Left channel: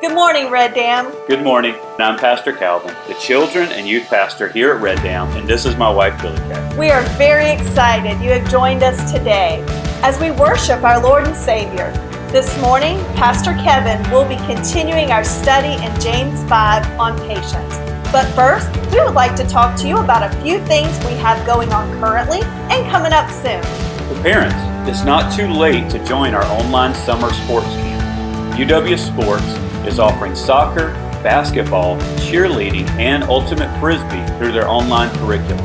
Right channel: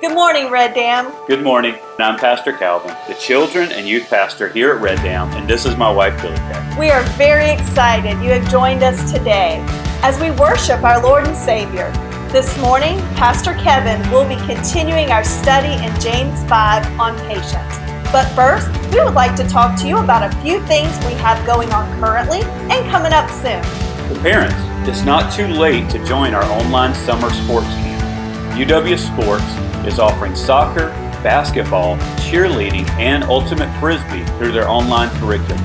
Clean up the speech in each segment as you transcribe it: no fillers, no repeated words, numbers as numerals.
Good morning, Red Dam. Good morning. I'm Pastor Calvin, the children and youth pastor here at Red Dam, and this is my wife, Billy Kay. We are very excited you have joined us today as we worship our Lord and Savior. This morning, Pastor Kevin will be continuing our study in James 5 on patience. But first, we would like to talk to you about a few things we have going on currently and coming up soon. For parents, it's not too late to join our online summer sports camp. UW Sports is offering soccer, basketball, cheerleading, and ultimate frisbee through their online curriculum.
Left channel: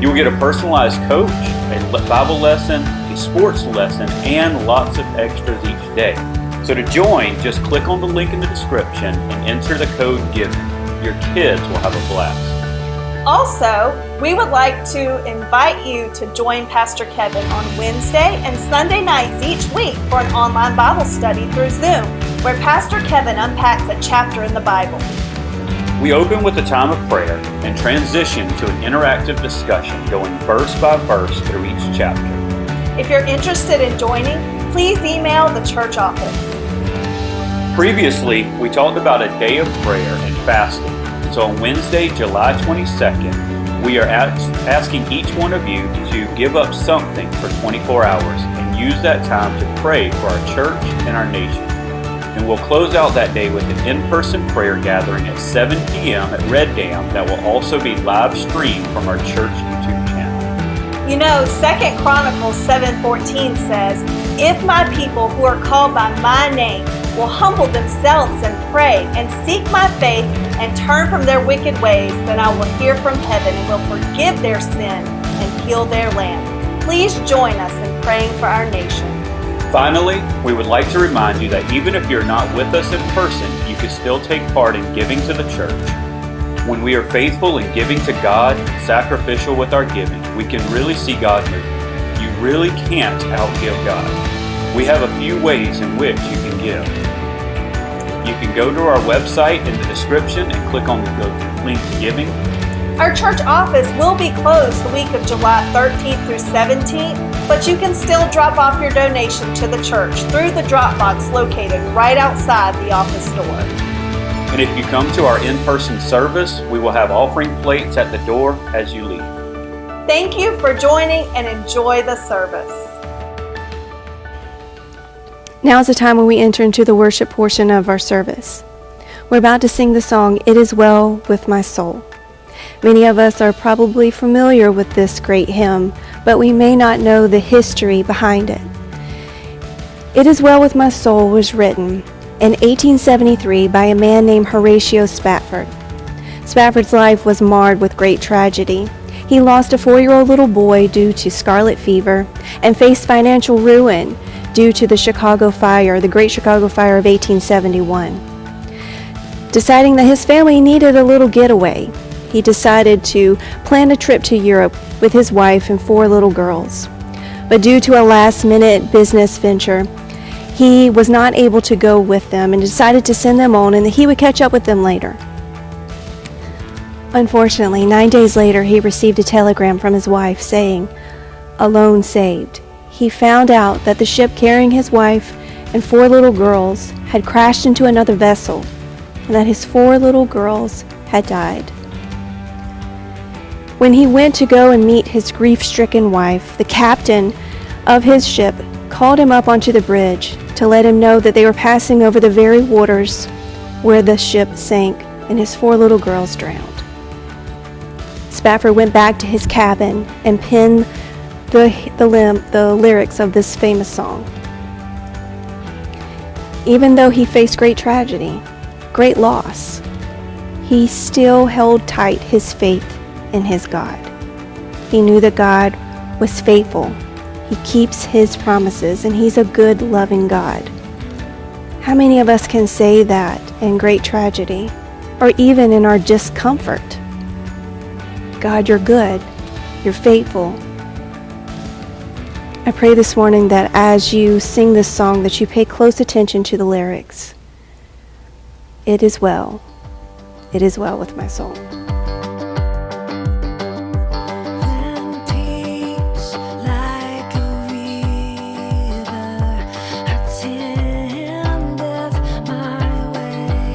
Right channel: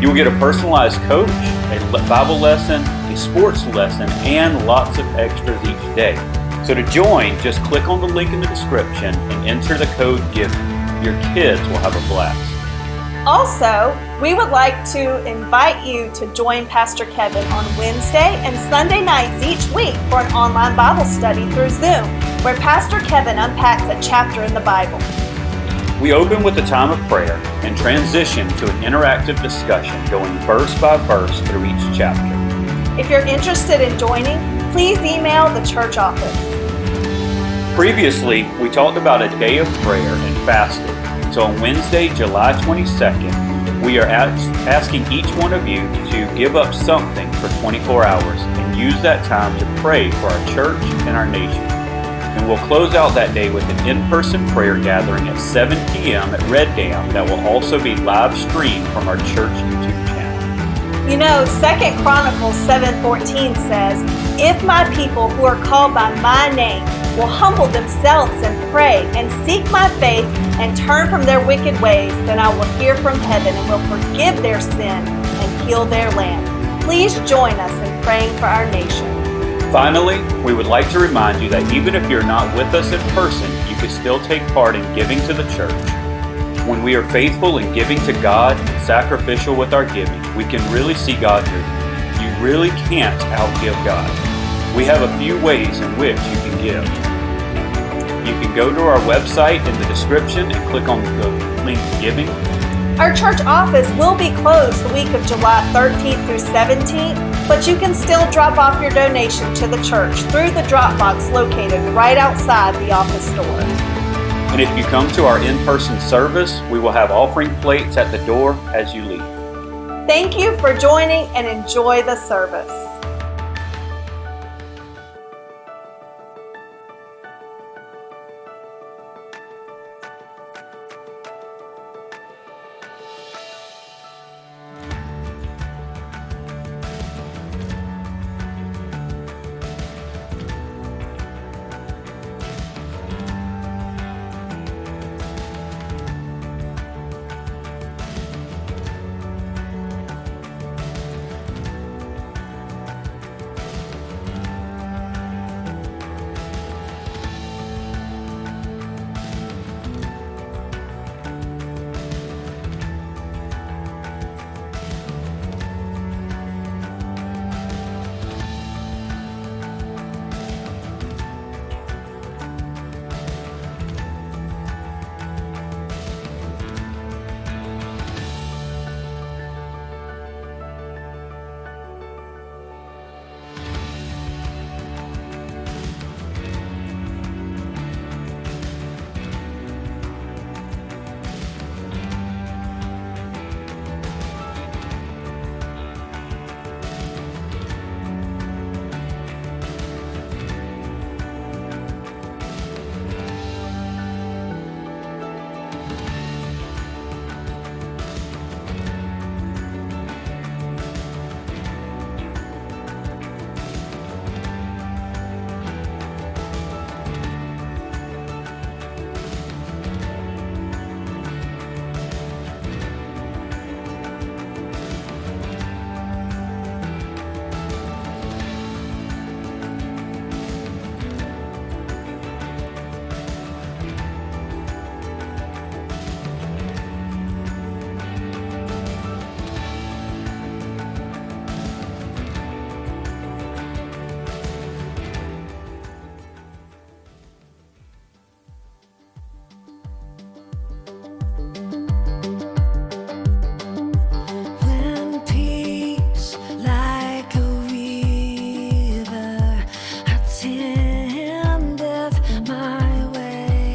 You will get a personalized coach, a Bible lesson, a sports lesson, and lots of extras each day. So to join, just click on the link in the description and enter the code GIVEN. Your kids will have a blast. Also, we would like to invite you to join Pastor Kevin on Wednesday and Sunday nights each week for an online Bible study through Zoom, where Pastor Kevin unpacks a chapter in the Bible. We open with a time of prayer and transition to an interactive discussion going verse by verse through each chapter. If you're interested in joining, please email the church office. Previously, we talked about a day of prayer and fasting. So on Wednesday, July 22nd, we are asking each one of you to give up something for 24 hours and use that time to pray for our church and our nation. And we'll close out that day with an in-person prayer gathering at 7 p.m. at Red Dam that will also be live streamed from our church YouTube channel. You know, 2 Chronicles 7:14 says, "If my people who are called by my name will humble themselves and pray and seek my face and turn from their wicked ways, then I will hear from heaven and will forgive their sin and heal their land." Please join us in praying for our nation. Finally, we would like to remind you that even if you're not with us in person, you can still take part in giving to the church. When we are faithful in giving to God and sacrificial with our giving, we can really see God move. You really can't outgive God. We have a few ways in which you can give. You can go to our website in the description and click on the link Giving. Our church office will be closed the week of July 13th through 17th, but you can still drop off your donation to the church through the drop box located right outside the office door. And if you come to our in-person service, we will have offering plates at the door as you leave. Thank you for joining and enjoy the service. Now is the time when we enter into the worship portion of our service. We're about to sing the song, "It Is Well With My Soul." Many of us are probably familiar with this great hymn, but we may not know the history behind it. "It Is Well With My Soul" was written in 1873 by a man named Horatio Spafford. Spafford's life was marred with great tragedy. He lost a 4-year-old little boy due to scarlet fever and faced financial ruin due to the Chicago Fire, the Great Chicago Fire of 1871. Deciding that his family needed a little getaway, he decided to plan a trip to Europe with his wife and 4 little girls. But due to a last-minute business venture, he was not able to go with them and decided to send them on and that he would catch up with them later. Unfortunately, 9 days later, he received a telegram from his wife saying, "Alone saved." He found out that the ship carrying his wife and 4 little girls had crashed into another vessel and that his 4 little girls had died. When he went to go and meet his grief-stricken wife, the captain of his ship called him up onto the bridge to let him know that they were passing over the very waters where the ship sank and his 4 little girls drowned. Spafford went back to his cabin and penned the lyrics of this famous song. Even though he faced great tragedy, great loss, he still held tight his faith in his God. He knew that God was faithful. He keeps his promises, and he's a good, loving God. How many of us can say that in great tragedy, or even in our discomfort? God, you're good. You're faithful. I pray this morning that as you sing this song, that you pay close attention to the lyrics. It is well. It is well with my soul. Way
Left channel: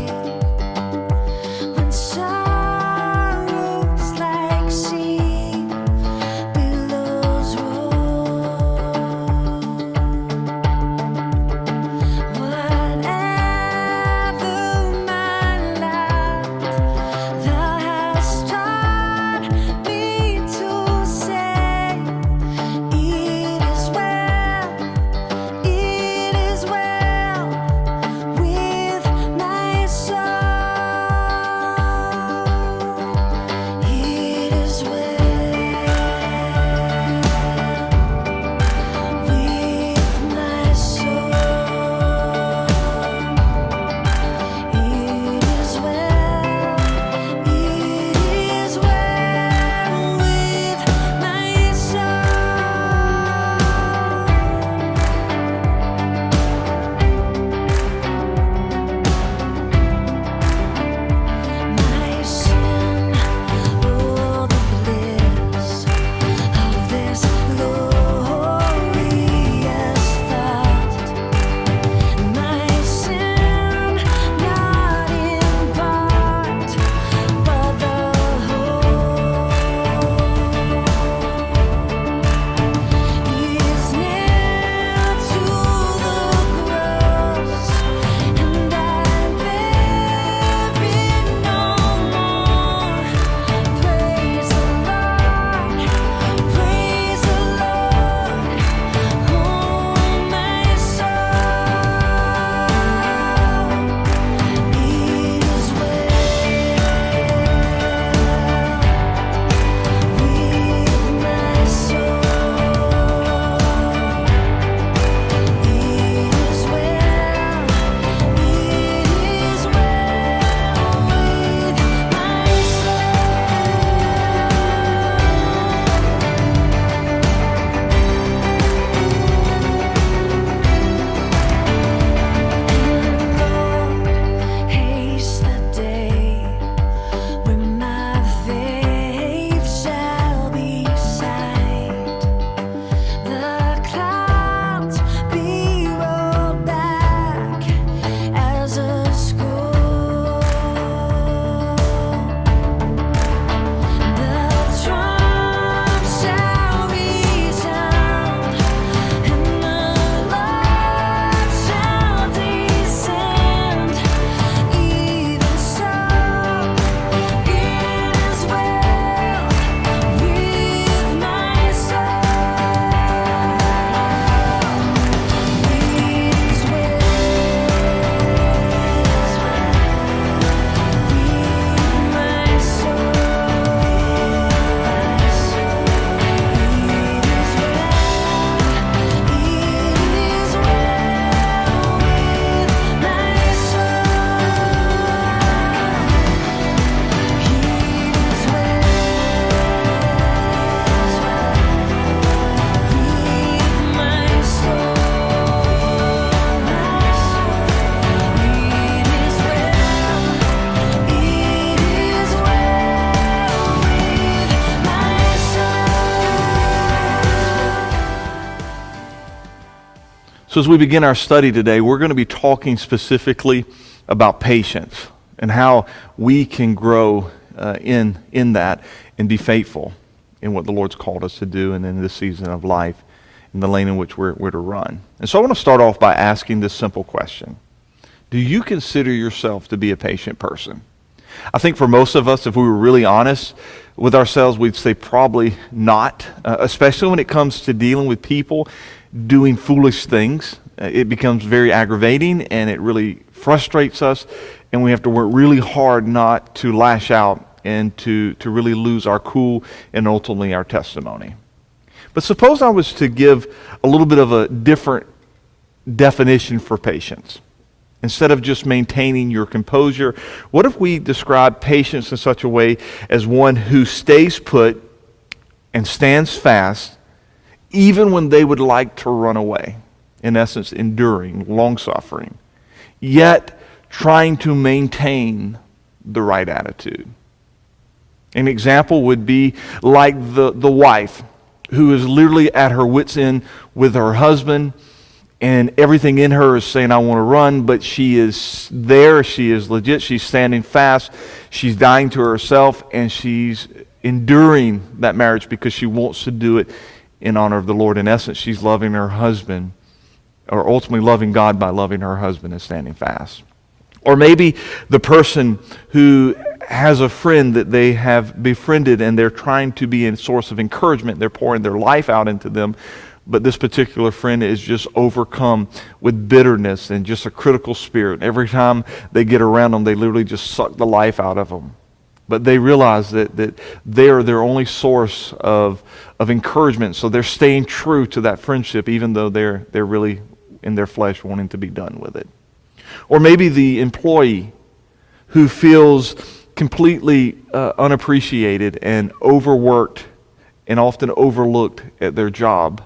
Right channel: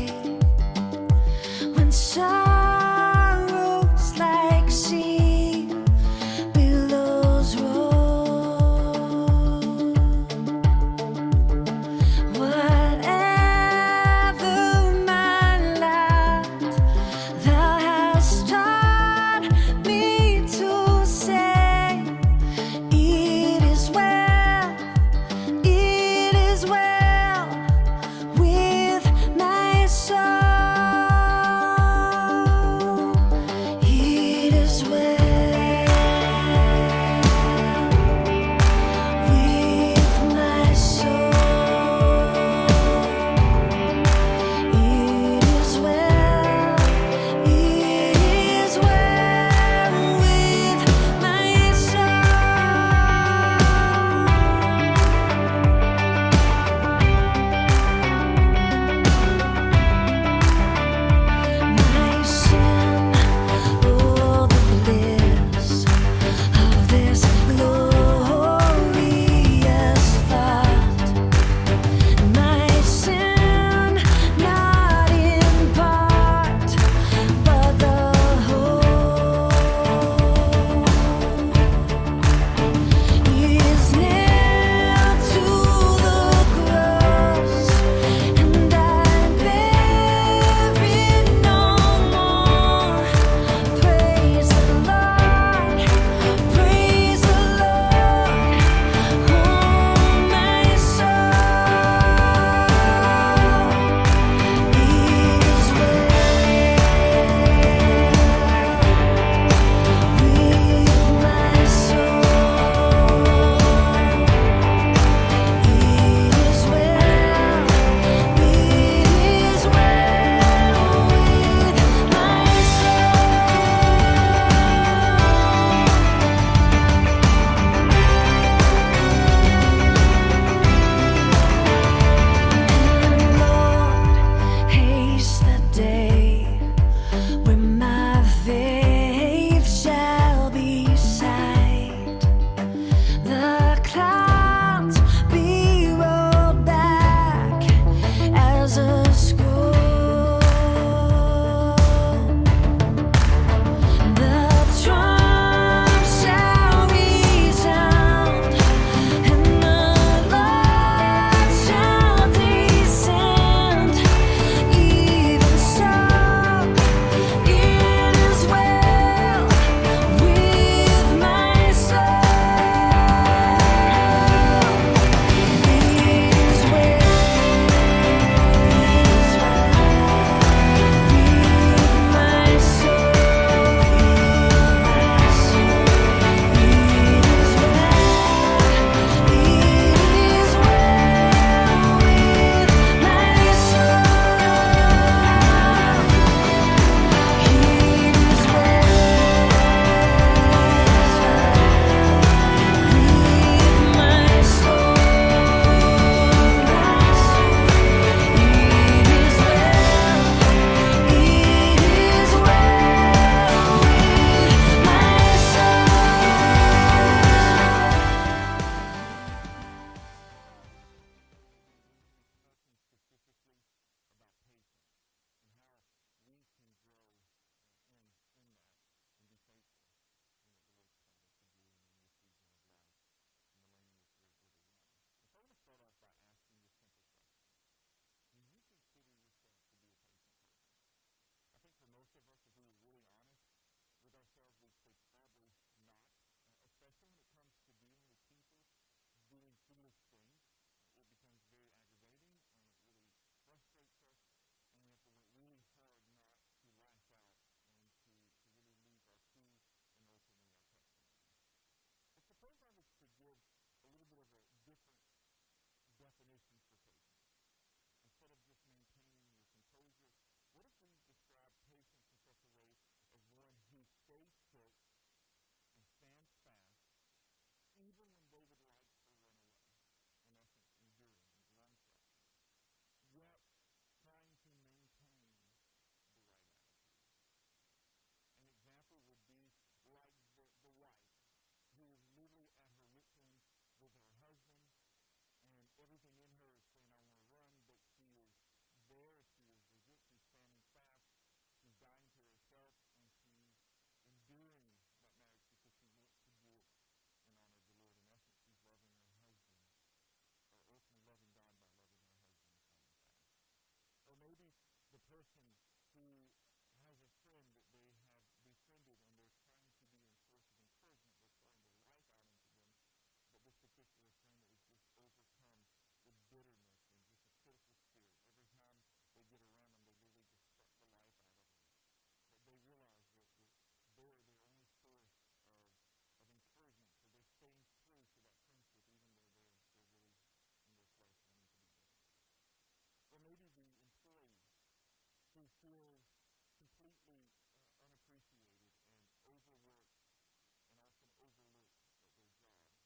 So as we begin our study today, we're going to be talking specifically about patience and how we can grow in that and be faithful in what the Lord's called us to do and in this season of life, in the lane in which we're to run. And so I want to start off by asking this simple question. Do you consider yourself to be a patient person? I think for most of us, if we were really honest with ourselves, we'd say probably not, especially when it comes to dealing with people doing foolish things. It becomes very aggravating and it really frustrates us, and we have to work really hard not to lash out and to really lose our cool and ultimately our testimony. But suppose I was to give a little bit of a different definition for patience. Instead of just maintaining your composure, what if we describe patience in such a way as one who stays put and stands fast even when they would like to run away? In essence, enduring, long-suffering, yet trying to maintain the right attitude. An example would be like the wife who is literally at her wit's end with her husband, and everything in her is saying, I want to run, but she is there, she is legit, she's standing fast, she's dying to herself, and she's enduring that marriage because she wants to do it in honor of the Lord. In essence, she's loving her husband, or ultimately loving God by loving her husband and standing fast. Or maybe the person who has a friend that they have befriended and they're trying to be a source of encouragement, they're pouring their life out into them, but this particular friend is just overcome with bitterness and just a critical spirit. Every time they get around them, they literally just suck the life out of them. But they realize that they're their only source of encouragement, so they're staying true to that friendship even though they're really in their flesh wanting to be done with it. Or maybe the employee who feels completely unappreciated and overworked and often overlooked at their job,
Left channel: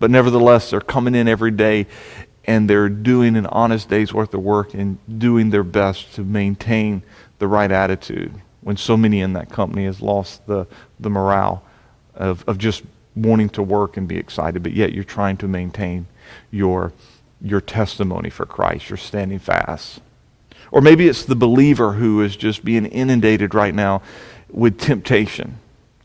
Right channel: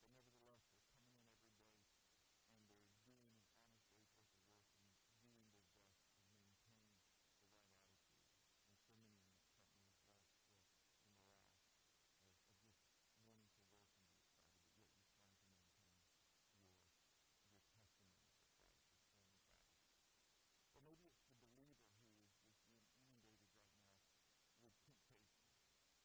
but nevertheless they're coming in every day and they're doing an honest day's worth of work and doing their best to maintain the right attitude when so many in that company has lost the morale of just wanting to work and be excited, but yet you're trying to maintain your testimony for Christ. You're standing fast. Or maybe it's the believer who is just being inundated right now with temptation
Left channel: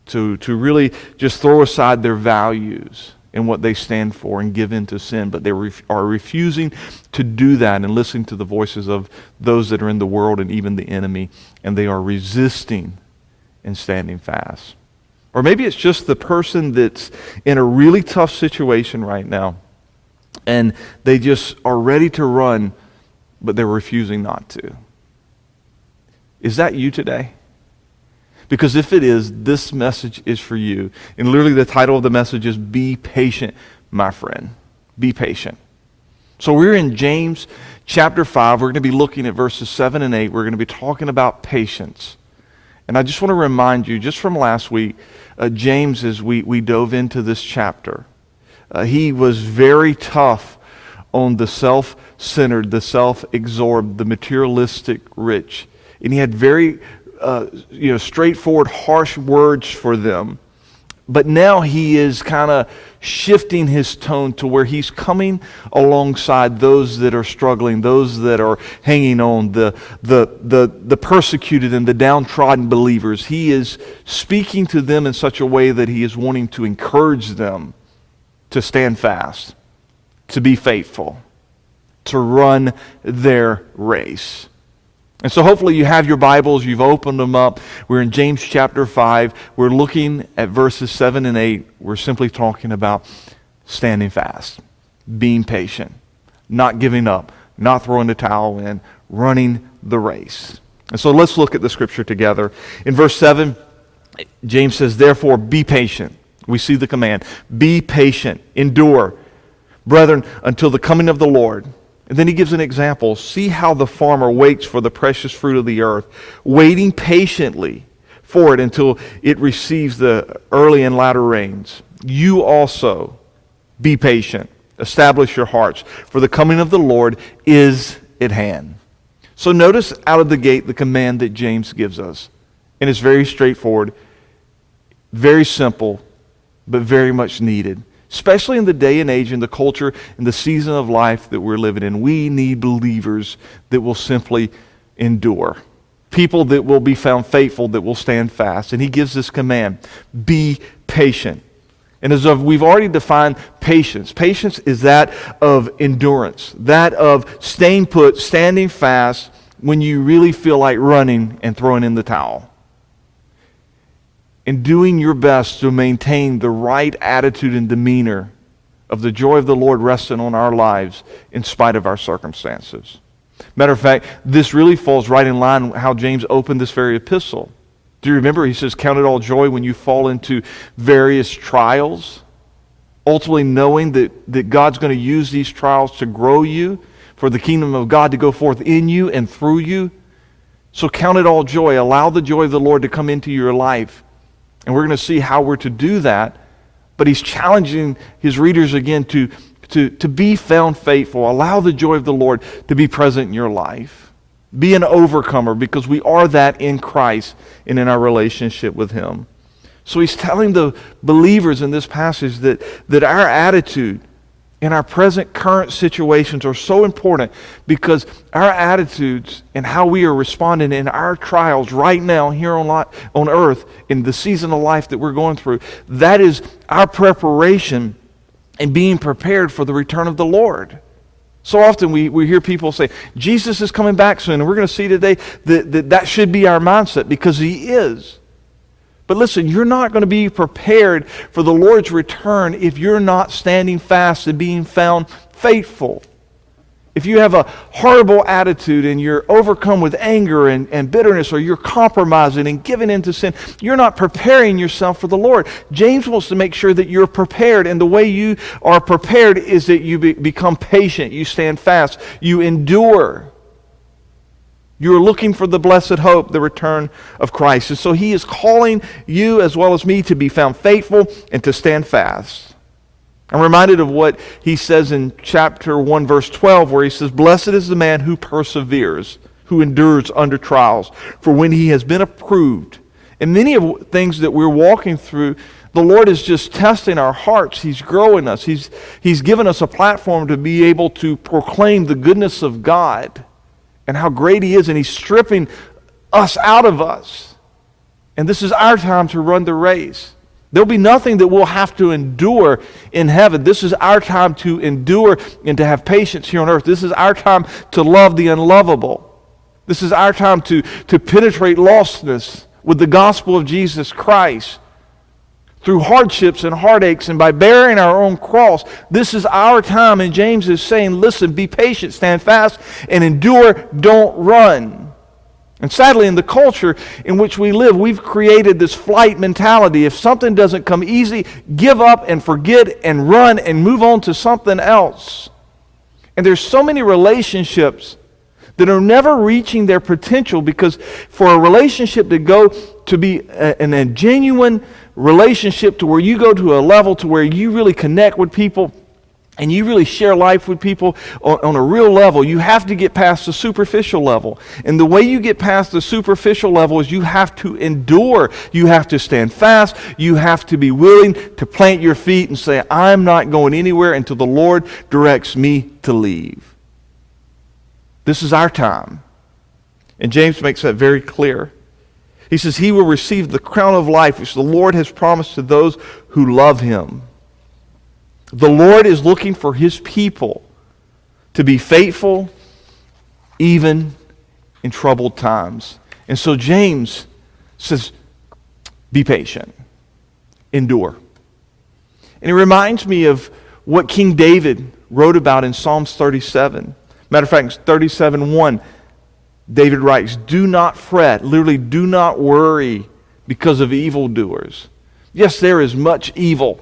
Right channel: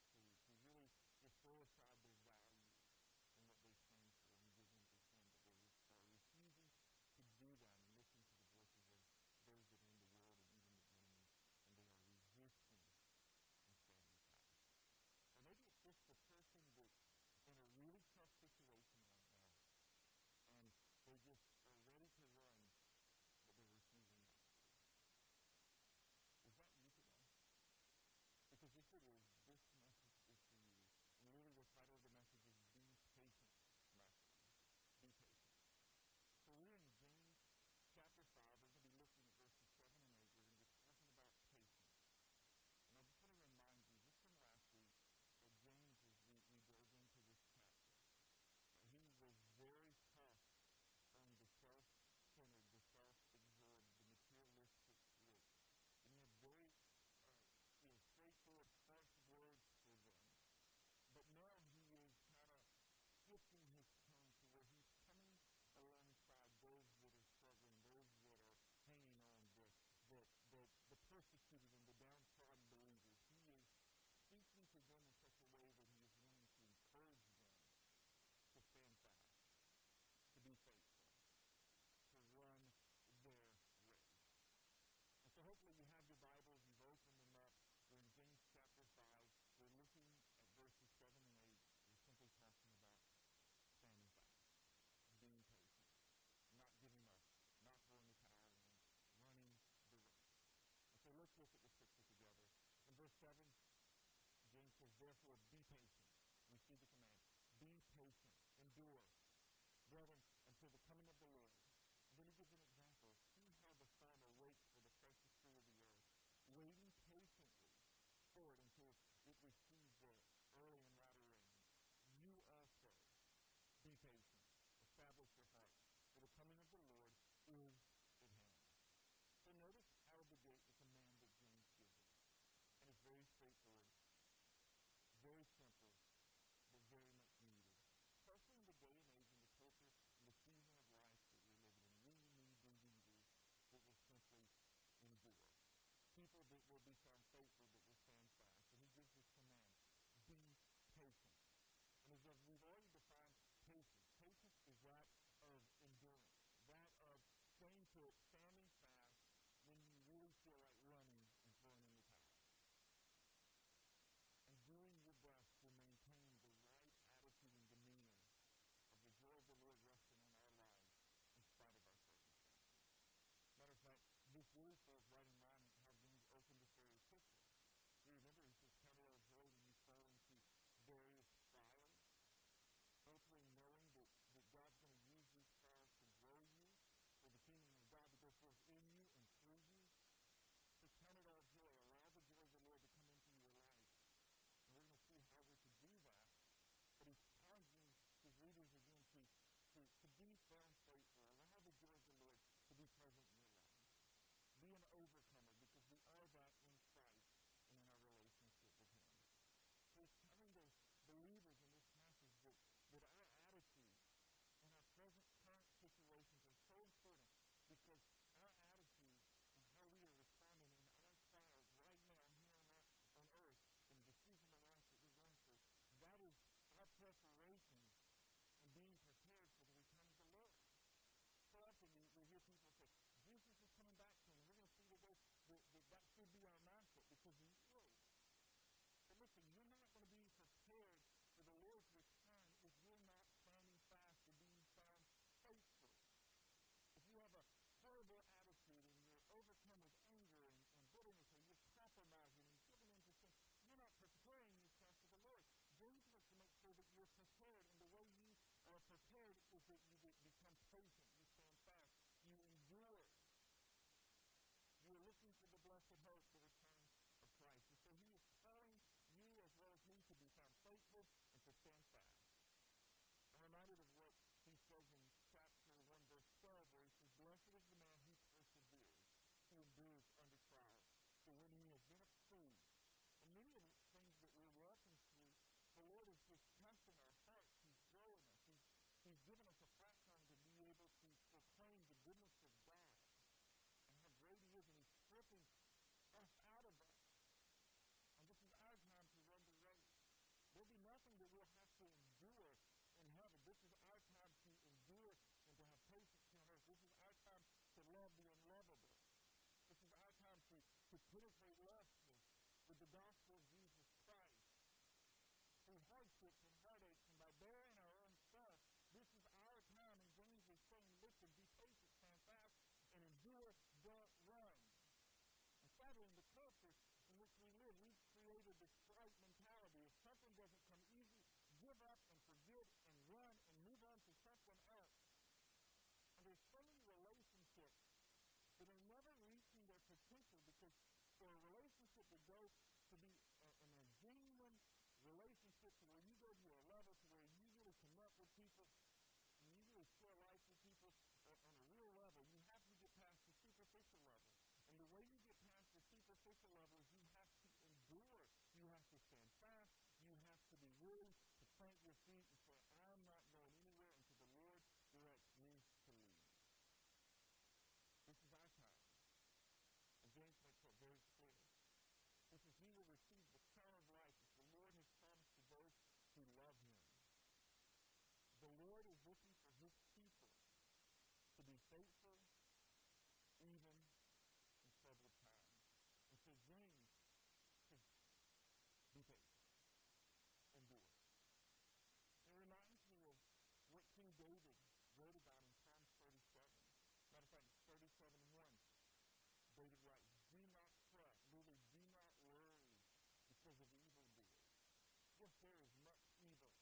to really just throw aside their values and what they stand for and give in to sin, but they are refusing to do that and listening to the voices of those that are in the world and even the enemy, and they are resisting and standing fast. Or maybe it's just the person that's in a really tough situation right now, and they just are ready to run, but they're refusing not to. Is that you today? Because if it is, this message is for you. And literally the title of the message is Be Patient, My Friend. Be patient. So we're in James chapter 5. We're going to be looking at verses 7 and 8. We're going to be talking about patience. And I just want to remind you, just from last week, James, as we dove into this chapter, he was very tough on the self-centered, the self-absorbed, the materialistic rich. And he had very straightforward, harsh words for them. But now he is kind of shifting his tone to where he's coming alongside those that are struggling, those that are hanging on, the persecuted and the downtrodden believers. He is speaking to them in such a way that he is wanting to encourage them to stand fast, to be faithful, to run their race. And so hopefully you have your Bibles, you've opened them up. We're in James chapter 5. We're looking at verses 7 and 8. We're simply talking about standing fast, being patient, not giving up, not throwing the towel in, running the race. And so let's look at the scripture together. In verse 7, James says, therefore be patient. We see the command. Be patient, endure, brethren, until the coming of the Lord. And then he gives an example. See how the farmer waits for the precious fruit of the earth, waiting patiently for it until it receives the early and latter rains. You also be patient. Establish your hearts, for the coming of the Lord is at hand. So notice out of the gate the command that James gives us. And it's very straightforward, very simple, but very much needed. especially in the day and age and the culture and the season of life that we're living in. We need believers that will simply endure. People that will be found faithful, that will stand fast. And he gives this command, be patient. And as we've already defined patience, patience is that of endurance, that of staying put, standing fast when you really feel like running and throwing in the towel. And doing your best to maintain the right attitude and demeanor of the joy of the Lord resting on our lives in spite of our circumstances. Matter of fact, this really falls right in line with how James opened this very epistle. Do you remember? He says, count it all joy when you fall into various trials, ultimately knowing that God's going to use these trials to grow you, for the kingdom of God to go forth in you and through you. So count it all joy. Allow the joy of the Lord to come into your life. And we're going to see how we're to do that. But he's challenging his readers again to be found faithful. Allow the joy of the Lord to be present in your life. Be an overcomer, because we are that in Christ and in our relationship with him. So he's telling the believers in this passage that our attitude in our present current situations are so important, because our attitudes and how we are responding in our trials right now here on earth in the season of life that we're going through, that is our preparation and being prepared for the return of the Lord. So often we hear people say, Jesus is coming back soon, and we're going to see today that should be our mindset, because he is. But listen, you're not going to be prepared for the Lord's return if you're not standing fast and being found faithful. If you have a horrible attitude and you're overcome with anger and bitterness, or you're compromising and giving into sin, you're not preparing yourself for the Lord. James wants to make sure that you're prepared, and the way you are prepared is that you become patient, you stand fast, you endure. You're looking for the blessed hope, the return of Christ. And so he is calling you as well as me to be found faithful and to stand fast. I'm reminded of what he says in chapter 1, verse 12, where he says, blessed is the man who perseveres, who endures under trials. For when he has been approved, and many of things that we're walking through, the Lord is just testing our hearts. He's growing us. He's given us a platform to be able to proclaim the goodness of God and how great he is, and he's stripping us out of us. And this is our time to run the race. There'll be nothing that we'll have to endure in heaven. This is our time to endure and to have patience here on earth. This is our time to love the unlovable. This is our time to penetrate lostness with the gospel of Jesus Christ through hardships and heartaches, and by bearing our own cross. This is our time, and James is saying, listen, be patient, stand fast, and endure, don't run. And sadly, in the culture in which we live, we've created this flight mentality. If something doesn't come easy, give up and forget and run and move on to something else. And there's so many relationships that are never reaching their potential, because for a relationship to go to be a genuine relationship, to where you go to a level to where you really connect with people and you really share life with people on a real level, you have to get past the superficial level. And the way you get past the superficial level is you have to endure. You have to stand fast. You have to be willing to plant your feet and say, I'm not going anywhere until the Lord directs me to leave. This is our time. And James makes that very clear. He says he will receive the crown of life which the Lord has promised to those who love him. The Lord is looking for his people to be faithful even in troubled times. And so James says, be patient, endure. And it reminds me of what King David wrote about in Psalms 37. Matter of fact, 37:1. David writes, do not fret, literally do not worry because of evildoers. Yes, there is much evil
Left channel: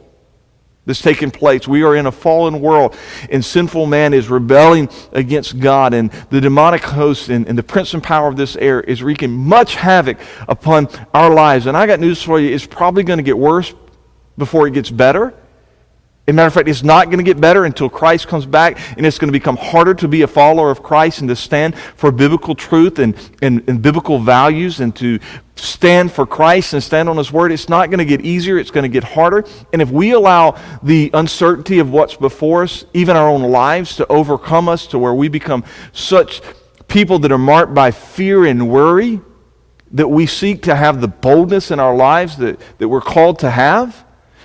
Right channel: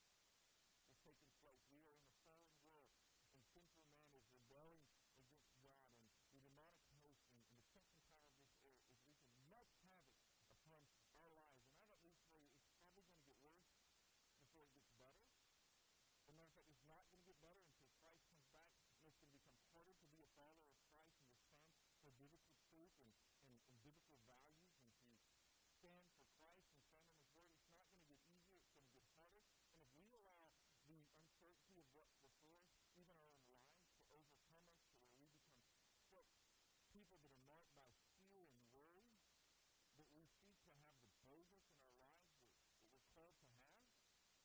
that's taking place. We are in a fallen world, and sinful man is rebelling against God, and the demonic host and the prince and power of this air is wreaking much havoc upon our lives. And I got news for you, it's probably going to get worse before it gets better. As a matter of fact, it's not going to get better until Christ comes back, and it's going to become harder to be a follower of Christ and to stand for biblical truth and biblical values and to stand for Christ and stand on His Word. It's not going to get easier. It's going to get harder. And if we allow the uncertainty of what's before us, even our own lives, to overcome us to where we become such people that are marked by fear and worry, that we seek to have the boldness in our lives that we're called to have.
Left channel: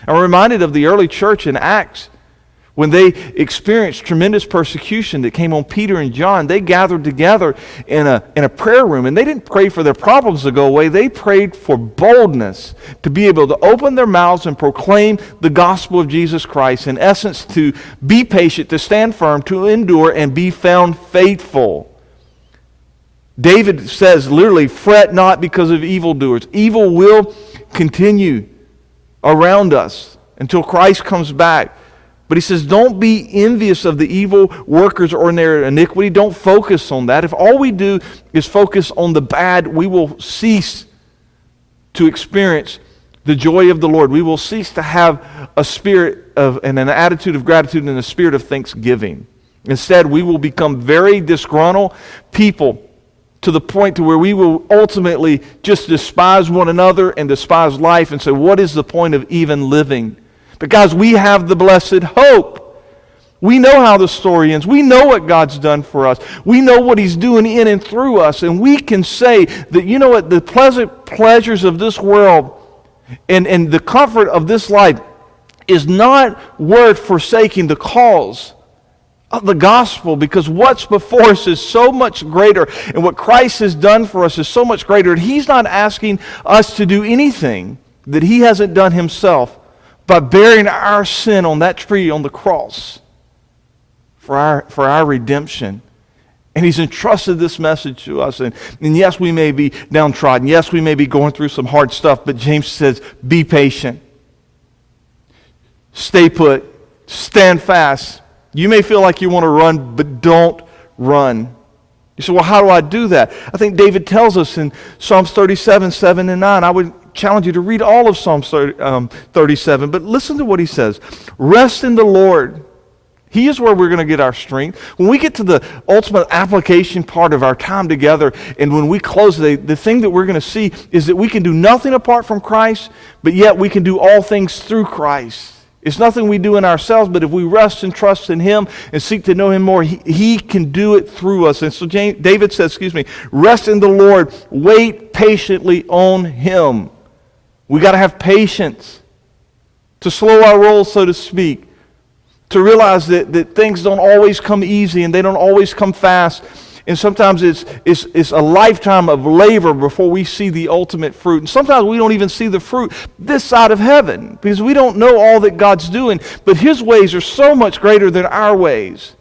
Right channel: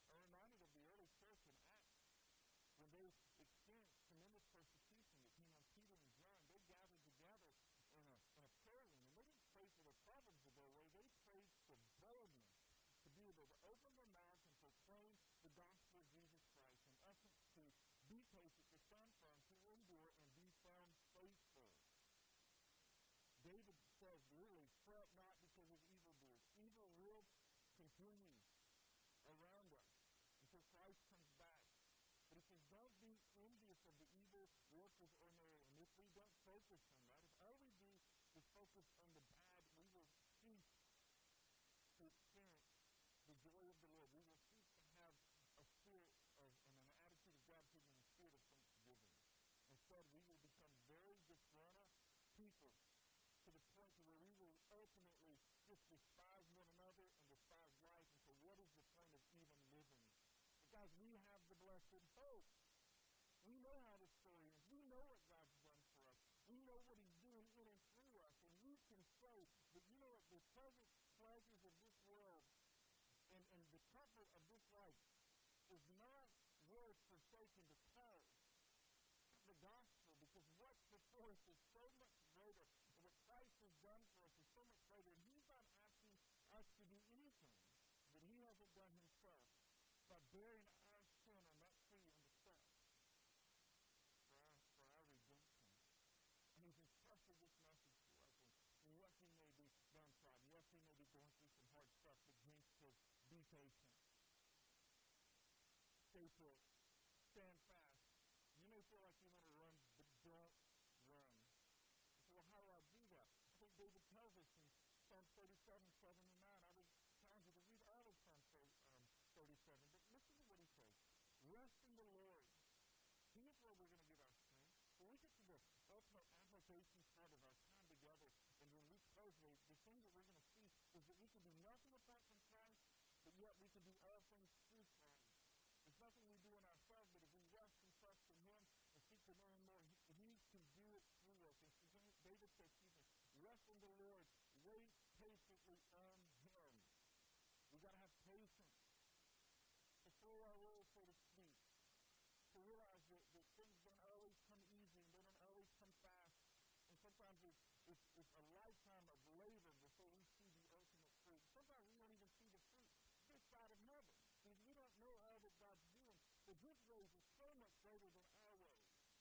I'm reminded of the early church in Acts when they experienced tremendous persecution that came on Peter and John. They gathered together in a prayer room, and they didn't pray for their problems to go away. They prayed for boldness to be able to open their mouths and proclaim the gospel of Jesus Christ. In essence, to be patient, to stand firm, to endure, and be found faithful. David says literally, fret not because of evildoers. Evil will continue around us until Christ comes back. But he says, don't be envious of the evil workers or in their iniquity. Don't focus on that. If all we do is focus on the bad, we will cease to experience the joy of the Lord. We will cease to have a spirit of and an attitude of gratitude and a spirit of thanksgiving. Instead, we will become very disgruntled people, to the point to where we will ultimately just despise one another and despise life and say, what is the point of even living? But guys, we have the blessed hope. We know how the story ends. We know what God's done for us. We know what He's doing in and through us. And we can say that, you know what, the pleasant pleasures of this world and the comfort of this life is not worth forsaking the cause of the gospel, because what's before us is so much greater, and what Christ has done for us is so much greater. And He's not asking us to do anything that He hasn't done Himself by bearing our sin on that tree on the cross for our redemption. And He's entrusted this message to us. And yes, we may be downtrodden. Yes, we may be going through some hard stuff, but James says, be patient. Stay put. Stand fast. You may feel like you want to run, but don't run. You say, well, how do I do that? I think David tells us in Psalms 37, 7 and 9. I would challenge you to read all of Psalms 37, but listen to what he says. Rest in the Lord. He is where we're going to get our strength. When we get to the ultimate application part of our time together, and when we close the thing that we're going to see is that we can do nothing apart from Christ, but yet we can do all things through Christ. It's nothing we do in ourselves, but if we rest and trust in Him and seek to know Him more, He can do it through us. And so David says, rest in the Lord, wait patiently on Him. We got to have patience to slow our roll, so to speak, to realize that things don't always come easy and they don't always come fast. And sometimes it's a lifetime of labor before we see the ultimate fruit. And sometimes we don't even see the fruit this side of heaven because we don't know all that God's doing. But His ways are so much greater than our ways.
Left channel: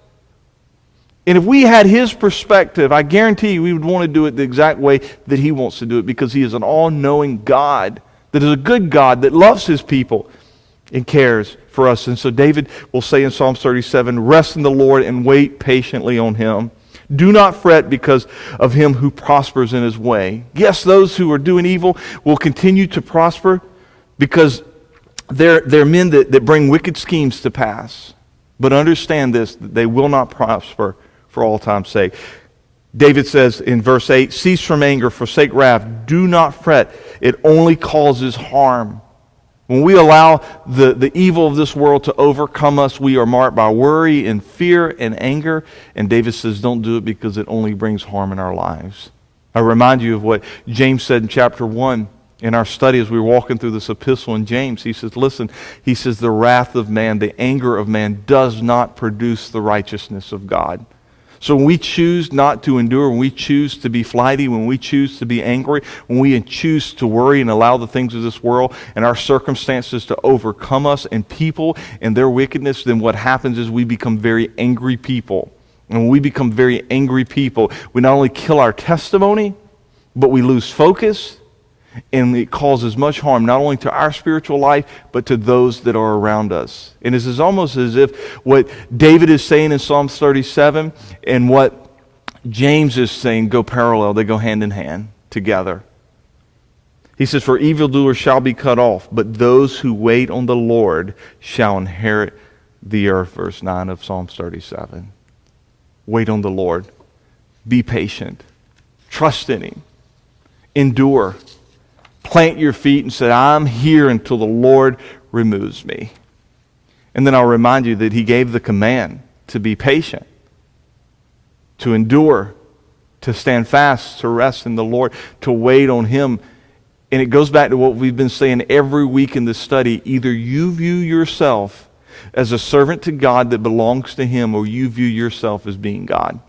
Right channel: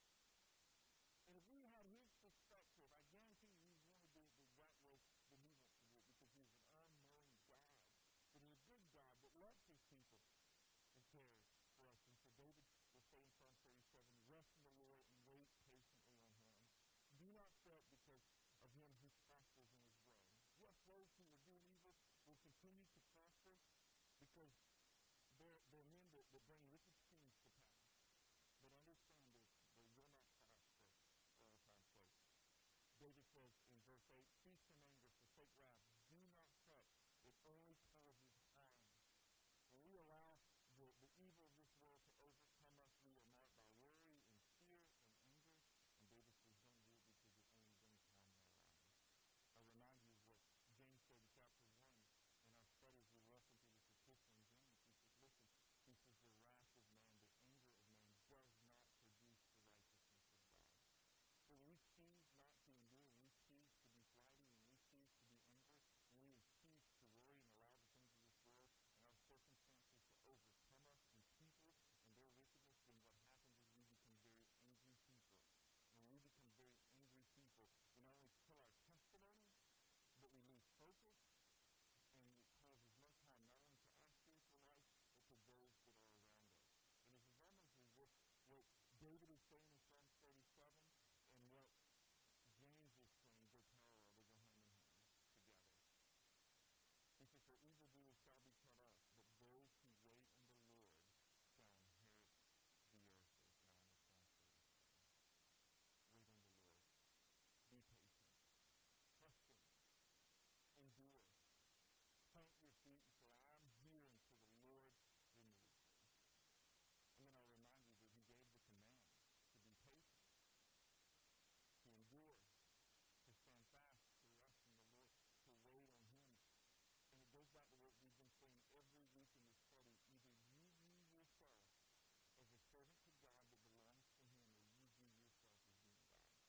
And if we had His perspective, I guarantee you we would want to do it the exact way that He wants to do it, because He is an all-knowing God, that is a good God, that loves His people and cares for us. And so David will say in Psalms 37, rest in the Lord and wait patiently on Him. Do not fret because of him who prospers in his way. Yes, those who are doing evil will continue to prosper because they're men that bring wicked schemes to pass. But understand this, that they will not prosper for all time's sake. David says in verse 8, cease from anger, forsake wrath. Do not fret. It only causes harm. When we allow the evil of this world to overcome us, we are marked by worry and fear and anger. And David says, don't do it because it only brings harm in our lives. I remind you of what James said in chapter 1 in our study as we were walking through this epistle in James. He says, listen, he says, the wrath of man, the anger of man does not produce the righteousness of God. So when we choose not to endure, when we choose to be flighty, when we choose to be angry, when we choose to worry and allow the things of this world and our circumstances to overcome us and people and their wickedness, then what happens is we become very angry people. And when we become very angry people, we not only kill our testimony, but we lose focus, and it causes much harm not only to our spiritual life, but to those that are around us. And this is almost as if what David is saying in Psalms 37 and what James is saying go parallel. They go hand in hand together. He says, for evildoers shall be cut off, but those who wait on the Lord shall inherit the earth, verse 9 of Psalms 37. Wait on the Lord. Be patient. Trust in Him. Endure. Plant your feet and say, I'm here until the Lord removes me. And then I'll remind you that He gave the command to be patient, to endure, to stand fast, to rest in the Lord, to wait on Him. And it goes back to what we've been saying every week in this study. Either you view yourself as a servant to God that belongs to Him, or you view yourself as being God.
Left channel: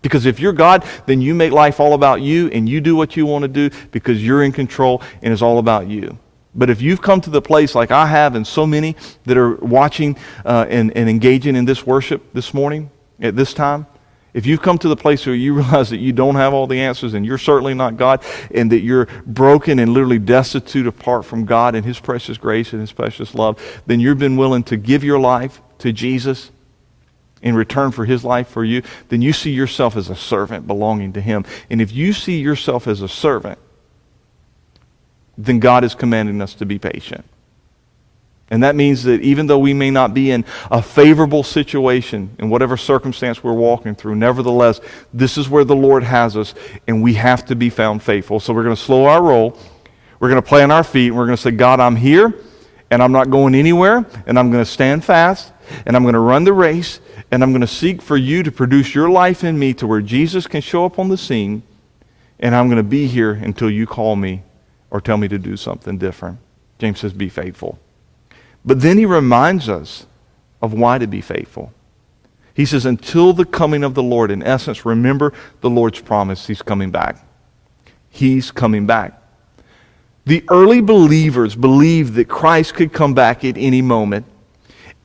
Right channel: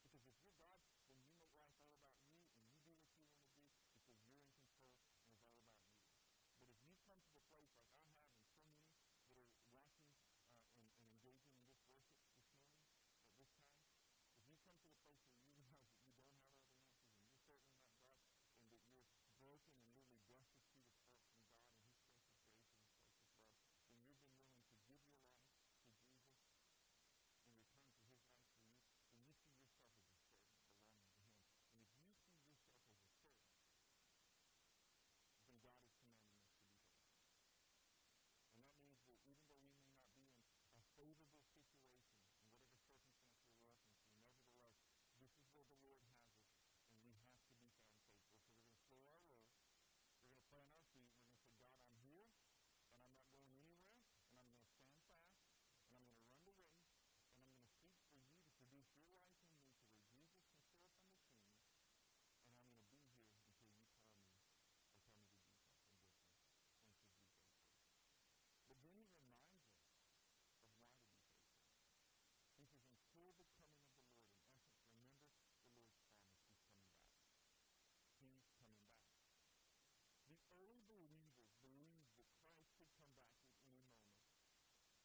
Because if you're God, then you make life all about you, and you do what you want to do because you're in control and it's all about you. But if you've come to the place like I have and so many that are watching and engaging in this worship this morning at this time, if you've come to the place where you realize that you don't have all the answers and you're certainly not God, and that you're broken and literally destitute apart from God and His precious grace and His precious love, then you've been willing to give your life to Jesus in return for His life for you, then you see yourself as a servant belonging to Him. And if you see yourself as a servant, then God is commanding us to be patient. And that means that even though we may not be in a favorable situation in whatever circumstance we're walking through, nevertheless, this is where the Lord has us, and we have to be found faithful. So we're going to slow our roll. We're going to plant our feet, and we're going to say, God, I'm here, and I'm not going anywhere, and I'm going to stand fast, and I'm going to run the race, and I'm going to seek for you to produce your life in me to where Jesus can show up on the scene, and I'm going to be here until you call me or tell me to do something different. James says, be faithful. But then he reminds us of why to be faithful. He says, until the coming of the Lord. In essence, remember the Lord's promise. He's coming back. He's coming back. The early believers believed that Christ could come back at any moment.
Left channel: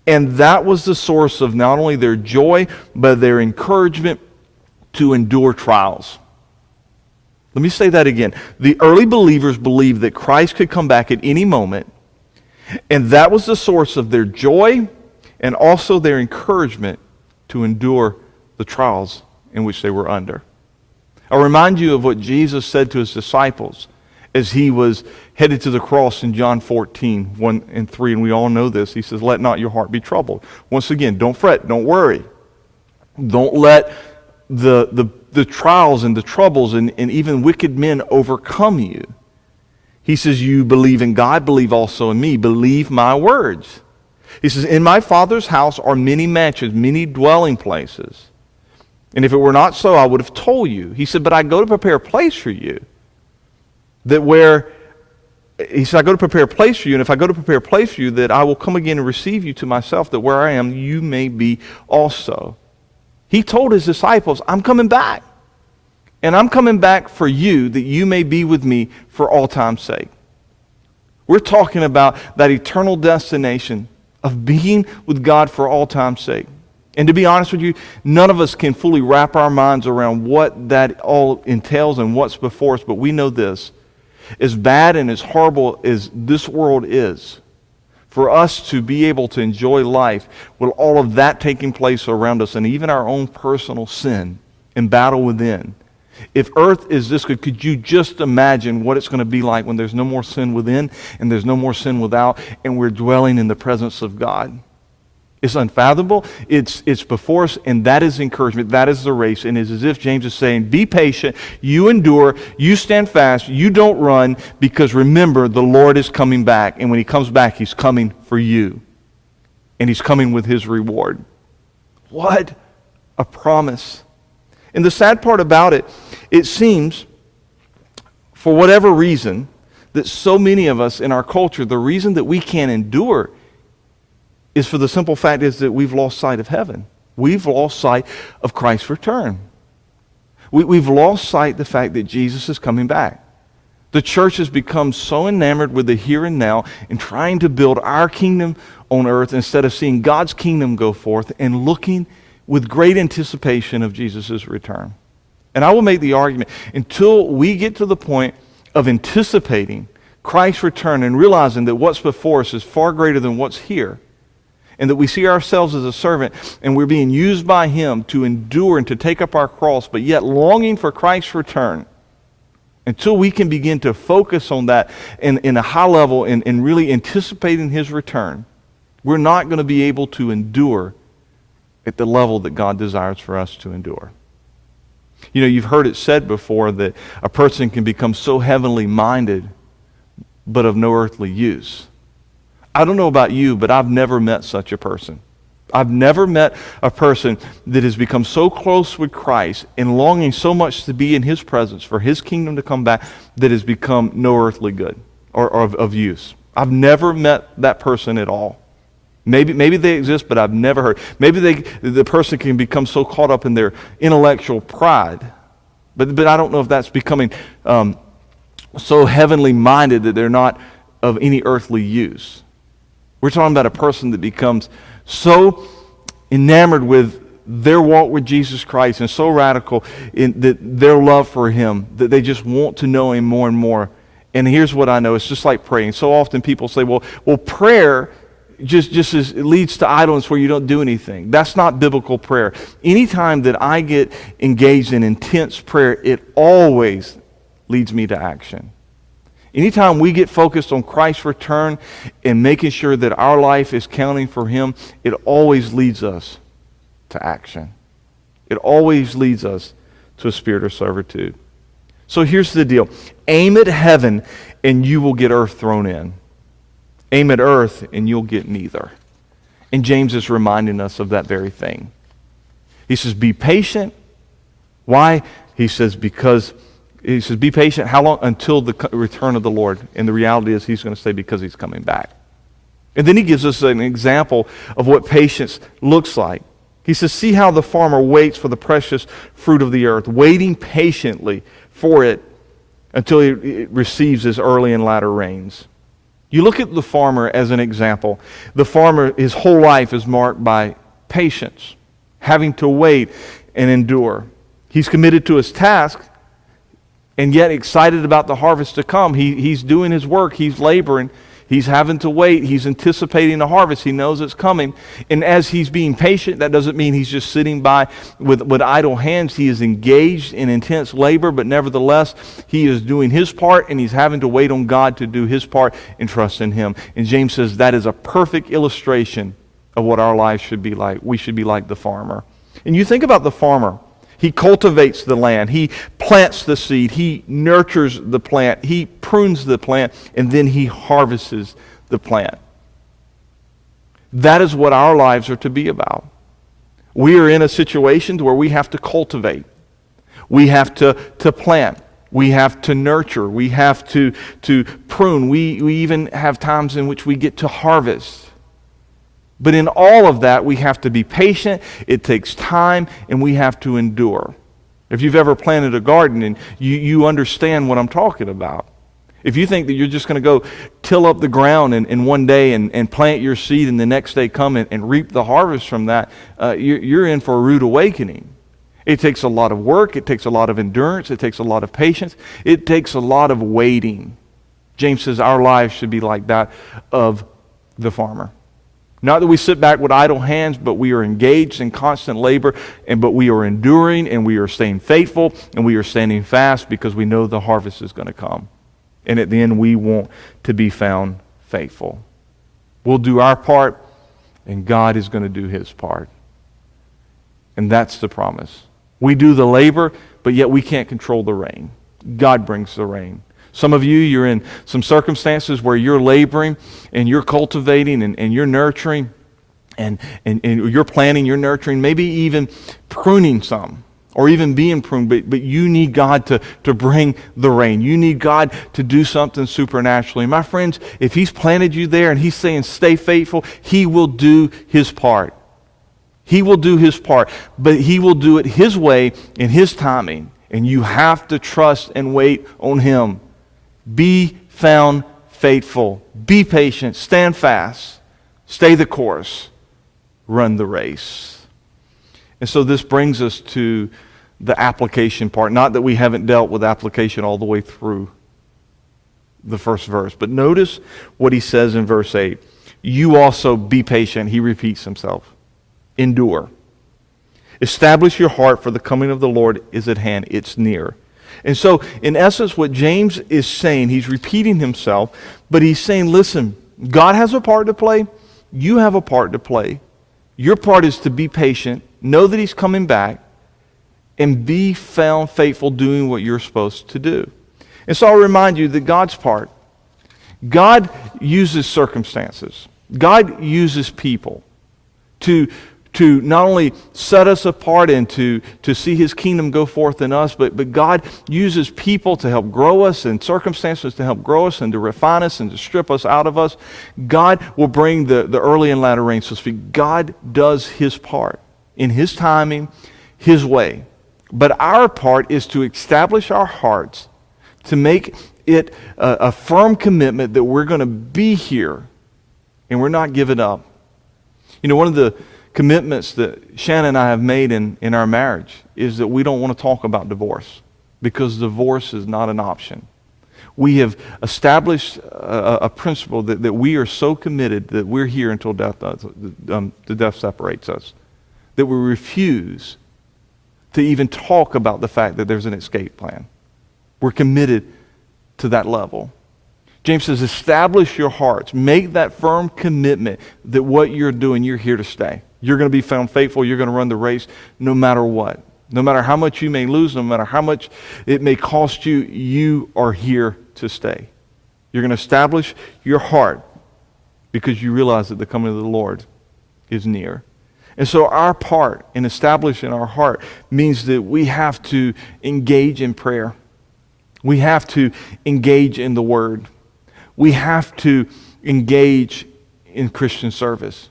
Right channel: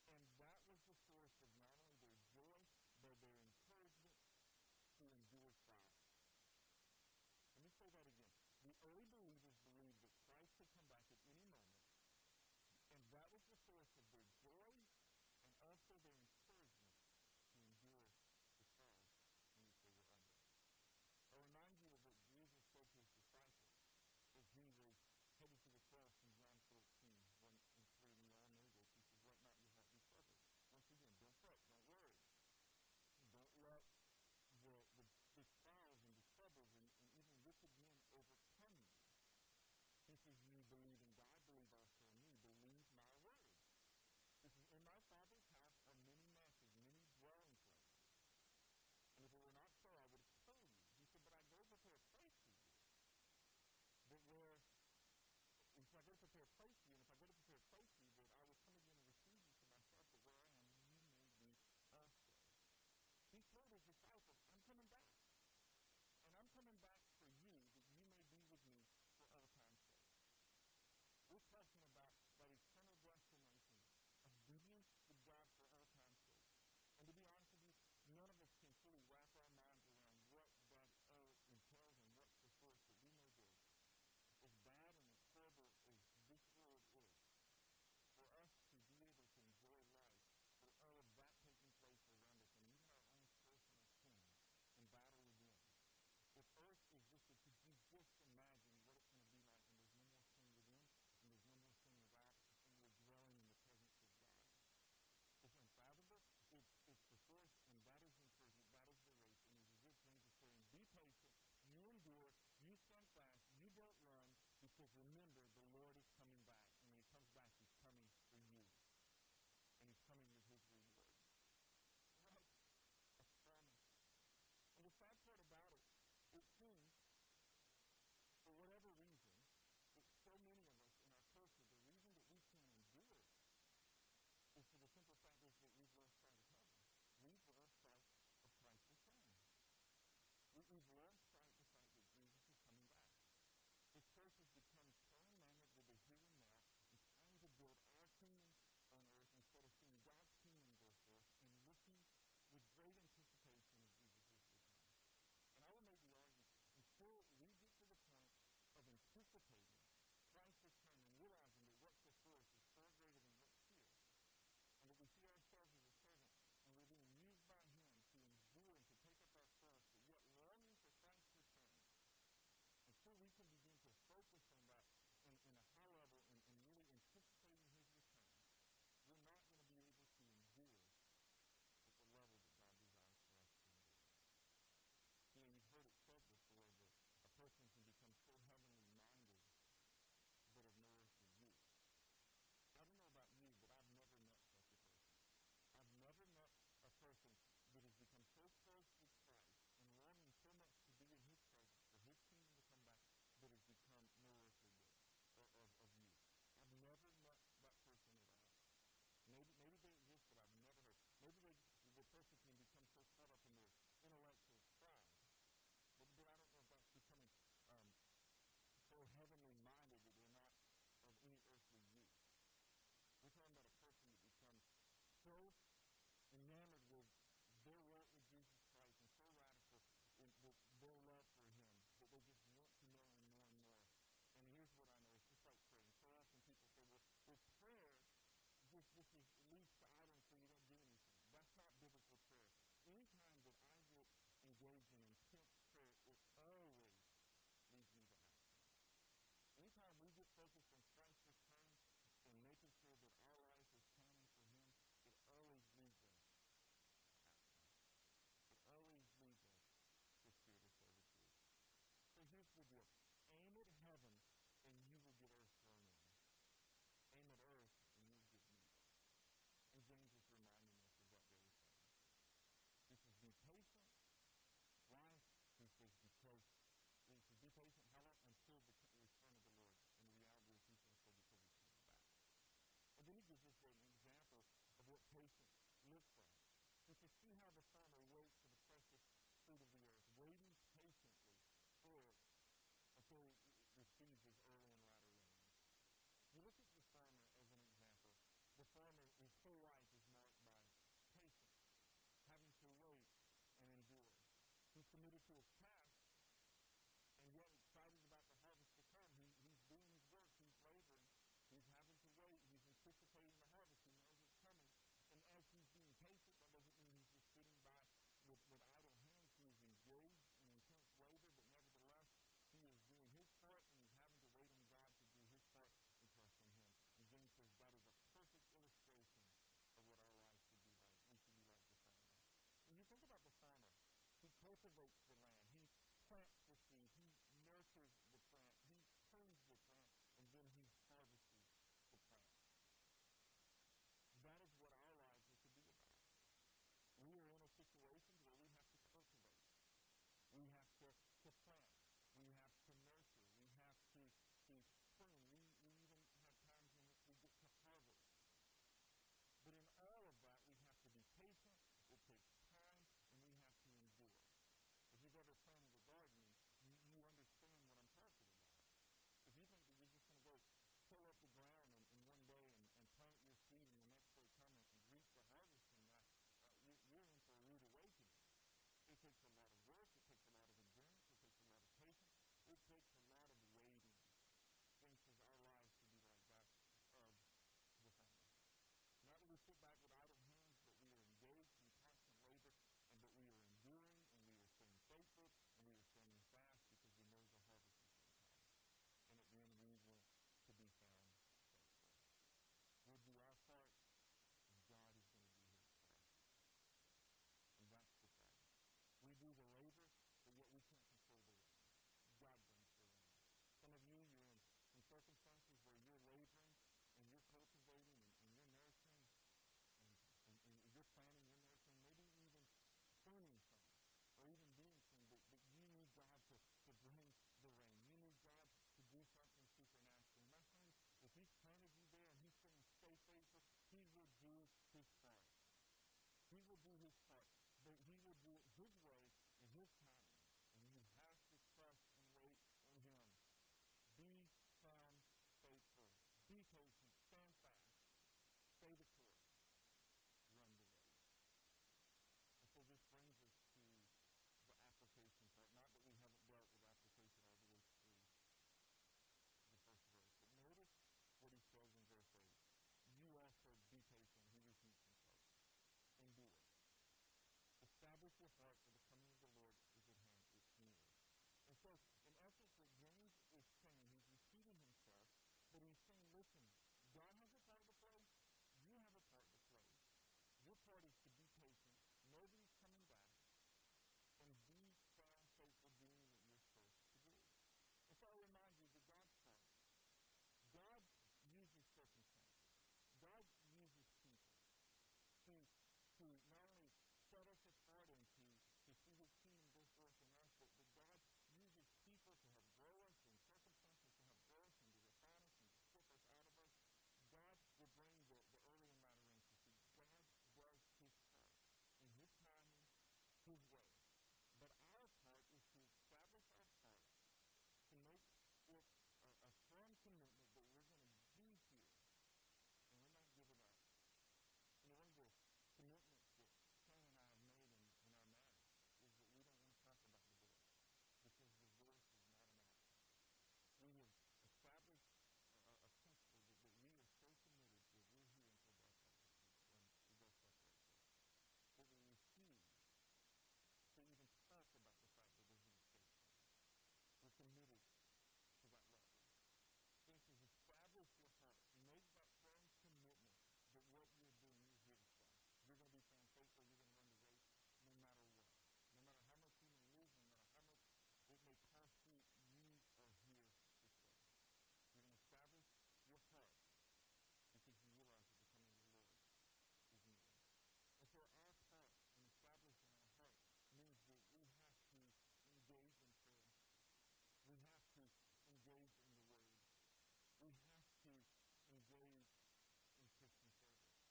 And that was the source of not only their joy, but their encouragement to endure trials. Let me say that again. The early believers believed that Christ could come back at any moment. And that was the source of their joy and also their encouragement to endure the trials in which they were under. I'll remind you of what Jesus said to His disciples as He was headed to the cross in John 14, 1 and 3, and we all know this. He says, let not your heart be troubled. Once again, don't fret, don't worry. Don't let the trials and the troubles and even wicked men overcome you. He says, you believe in God, believe also in me. Believe my words. He says, in my Father's house are many mansions, many dwelling places. And if it were not so, I would have told you. He said, but I go to prepare a place for you. He said, I go to prepare a place for you, and if I go to prepare a place for you, that I will come again and receive you to myself, that where I am, you may be also. He told His disciples, I'm coming back. And I'm coming back for you, that you may be with me for all time's sake. We're talking about that eternal destination of being with God for all time's sake. And to be honest with you, none of us can fully wrap our minds around what that all entails and what's before us, but we know this. As bad and as horrible as this world is, for us to be able to enjoy life with all of that taking place around us and even our own personal sin and battle within, if earth is this good, could you just imagine what it's going to be like when there's no more sin within and there's no more sin without, and we're dwelling in the presence of God? It's unfathomable. It's before us, and that is encouragement. That is the race. And it's as if James is saying, be patient, you endure, you stand fast, you don't run, because remember, the Lord is coming back. And when He comes back, He's coming for you. And He's coming with His reward. What a promise. And the sad part about it, it seems, for whatever reason, that so many of us in our culture, the reason that we can't endure is for the simple fact is that we've lost sight of heaven. We've lost sight of Christ's return. We've lost sight of the fact that Jesus is coming back. The church has become so enamored with the here and now and trying to build our kingdom on earth instead of seeing God's kingdom go forth and looking with great anticipation of Jesus' return. And I will make the argument, until we get to the point of anticipating Christ's return and realizing that what's before us is far greater than what's here, and that we see ourselves as a servant and we're being used by Him to endure and to take up our cross, but yet longing for Christ's return, until we can begin to focus on that in a high level and really anticipating His return, we're not going to be able to endure at the level that God desires for us to endure. You know, you've heard it said before that a person can become so heavenly minded, but of no earthly use. I don't know about you, but I've never met such a person. I've never met a person that has become so close with Christ and longing so much to be in His presence, for His kingdom to come back, that has become no earthly good or of use. I've never met that person at all. Maybe they exist, but I've never heard. Maybe the person can become so caught up in their intellectual pride, but I don't know if that's becoming so heavenly minded that they're not of any earthly use. We're talking about a person that becomes so enamored with their walk with Jesus Christ and so radical in that their love for Him that they just want to know Him more and more. And here's what I know: it's just like praying. So often people say, "Well, prayer just as it leads to idleness where you don't do anything." That's not biblical prayer. Anytime that I get engaged in intense prayer, it always leads me to action. Anytime we get focused on Christ's return and making sure that our life is counting for Him, it always leads us to action. It always leads us to a spirit of servitude. So here's the deal. Aim at heaven and you will get earth thrown in. Aim at earth and you'll get neither. And James is reminding us of that very thing. He says, be patient. Why? He says, be patient. How long? Until the return of the Lord. And the reality is He's going to say because He's coming back. And then he gives us an example of what patience looks like. He says, see how the farmer waits for the precious fruit of the earth, waiting patiently for it until it receives his early and latter rains. You look at the farmer as an example. The farmer, his whole life is marked by patience, having to wait and endure. He's committed to his task, and yet excited about the harvest to come. He's doing his work. He's laboring. He's having to wait. He's anticipating the harvest. He knows it's coming. And as he's being patient, that doesn't mean he's just sitting by with idle hands. He is engaged in intense labor, but nevertheless, he is doing his part, and he's having to wait on God to do His part and trust in Him. And James says that is a perfect illustration of what our lives should be like. We should be like the farmer. And you think about the farmer. He cultivates the land. He plants the seed. He nurtures the plant. He prunes the plant. And then he harvests the plant. That is what our lives are to be about. We are in a situation where we have to cultivate. We have to plant. We have to nurture. We have to prune. We even have times in which we get to harvest. But in all of that, we have to be patient. It takes time, and we have to endure. If you've ever planted a garden, and you understand what I'm talking about. If you think that you're just going to go till up the ground in one day and plant your seed, and the next day come and reap the harvest from that, you're in for a rude awakening. It takes a lot of work. It takes a lot of endurance. It takes a lot of patience. It takes a lot of waiting. James says our lives should be like that of the farmer. Not that we sit back with idle hands, but we are engaged in constant labor, but we are enduring, and we are staying faithful, and we are standing fast because we know the harvest is going to come. And at the end, we want to be found faithful. We'll do our part, and God is going to do His part. And that's the promise. We do the labor, but yet we can't control the rain. God brings the rain. Some of you, you're in some circumstances where you're laboring and you're cultivating and you're nurturing and you're planting, you're nurturing, maybe even pruning some or even being pruned, but you need God to bring the rain. You need God to do something supernaturally. My friends, if He's planted you there and He's saying stay faithful, He will do His part. He will do His part, but He will do it His way in His timing, and you have to trust and wait on Him. Be found faithful. Be patient. Stand fast. Stay the course. Run the race. And so this brings us to the application part. Not that we haven't dealt with application all the way through the first verse. But notice what he says in verse 8. You also be patient. He repeats himself. Endure. Establish your heart, for the coming of the Lord is at hand. It's near. And so, in essence, what James is saying, he's repeating himself, but he's saying, listen, God has a part to play, you have a part to play. Your part is to be patient, know that He's coming back, and be found faithful doing what you're supposed to do. And so I'll remind you that God's part, God uses circumstances. God uses people to not only set us apart and to see His kingdom go forth in us, but God uses people to help grow us and circumstances to help grow us and to refine us and to strip us out of us. God will bring the early and latter rain, so to speak. God does His part in His timing, His way. But our part is to establish our hearts, to make it a firm commitment that we're going to be here and we're not giving up. You know, one of the commitments that Shannon and I have made in our marriage is that we don't want to talk about divorce, because divorce is not an option. We have established a principle that we are so committed that we're here until death the death separates us, that we refuse to even talk about the fact that there's an escape plan. We're committed to that level. James says, establish your hearts. Make that firm commitment that what you're doing, you're here to stay. You're going to be found faithful. You're going to run the race no matter what. No matter how much you may lose, no matter how much it may cost you, you are here to stay. You're going to establish your heart because you realize that the coming of the Lord is near. And so our part in establishing our heart means that we have to engage in prayer. We have to engage in the Word. We have to engage in Christian service.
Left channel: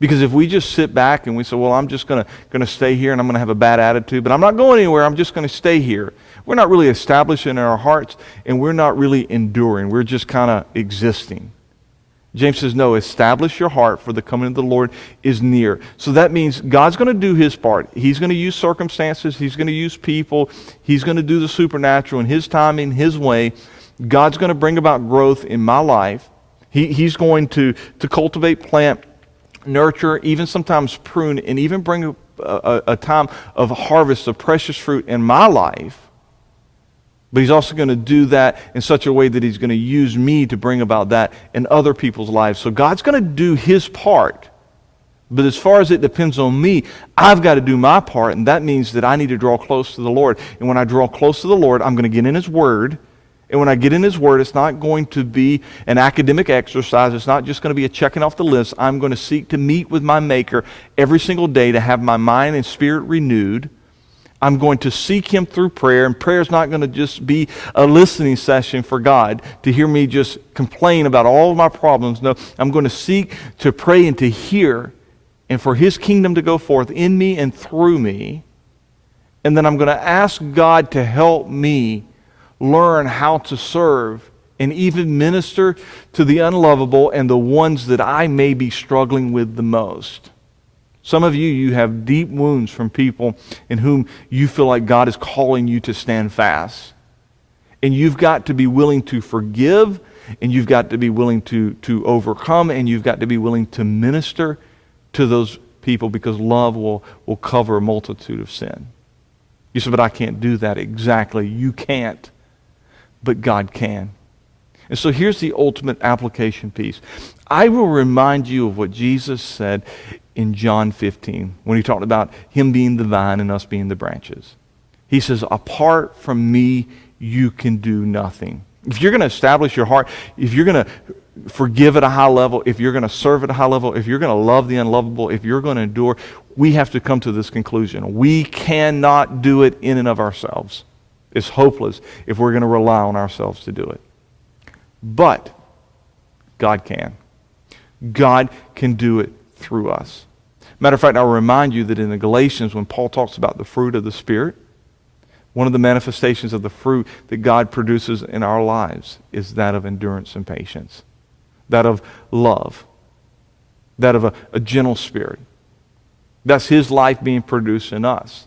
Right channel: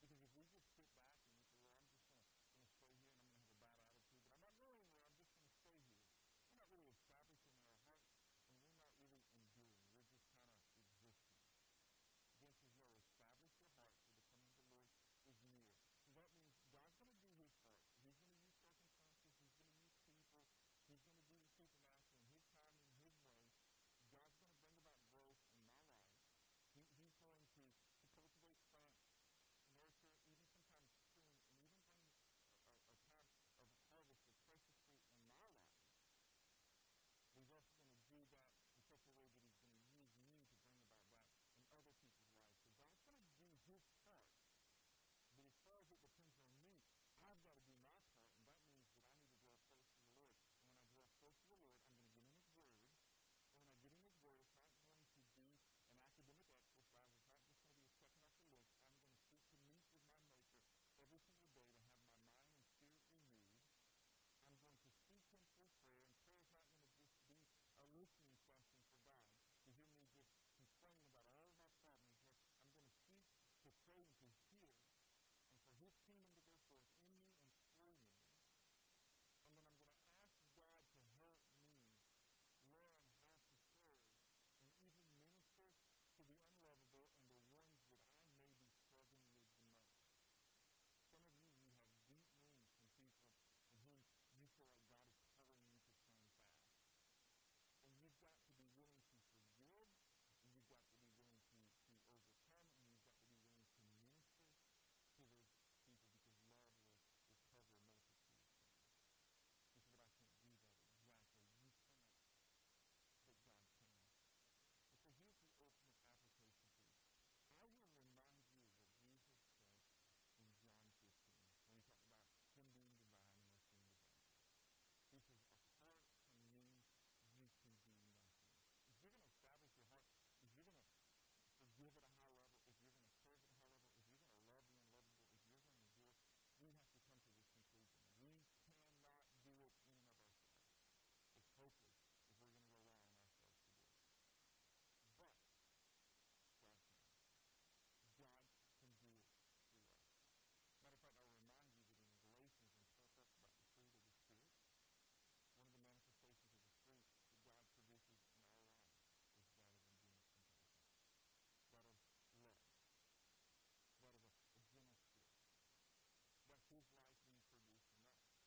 Because if we just sit back and we say, well, I'm just going to stay here and I'm going to have a bad attitude, but I'm not going anywhere, I'm just going to stay here. We're not really establishing our hearts, and we're not really enduring. We're just kind of existing. James says, no, establish your heart, for the coming of the Lord is near. So that means God's going to do His part. He's going to use circumstances. He's going to use people. He's going to do the supernatural in His timing, His way. God's going to bring about growth in my life. He's going to cultivate, plant, nurture, even sometimes prune, and even bring a time of harvest of precious fruit in my life. But He's also going to do that in such a way that He's going to use me to bring about that in other people's lives. So God's going to do His part. But as far as it depends on me, I've got to do my part, and that means that I need to draw close to the Lord. And when I draw close to the Lord, I'm going to get in His Word. And when I get in His Word, it's not going to be an academic exercise. It's not just going to be a checking off the list. I'm going to seek to meet with my Maker every single day to have my mind and spirit renewed. I'm going to seek Him through prayer, and prayer is not going to just be a listening session for God to hear me just complain about all of my problems. No, I'm going to seek to pray and to hear, and for His kingdom to go forth in me and through me. And then I'm going to ask God to help me learn how to serve and even minister to the unlovable and the ones that I may be struggling with the most. Some of you have deep wounds from people in whom you feel like God is calling you to stand fast. And you've got to be willing to forgive, and you've got to be willing to overcome, and you've got to be willing to minister to those people, because love will cover a multitude of sin. You say, but I can't do that. Exactly. You can't, but God can. And so here's the ultimate application piece. I will remind you of what Jesus said in John 15, when He talked about Him being the vine and us being the branches. He says, apart from me, you can do nothing. If you're going to establish your heart, if you're going to forgive at a high level, if you're going to serve at a high level, if you're going to love the unlovable, if you're going to endure, we have to come to this conclusion. We cannot do it in and of ourselves. It's hopeless if we're going to rely on ourselves to do it. But God can. God can do it through us. Matter of fact, I'll remind you that in the Galatians, when Paul talks about the fruit of the Spirit, one of the manifestations of the fruit that God produces in our lives is that of endurance and patience, that of love, that of a gentle spirit. That's His life being produced in us.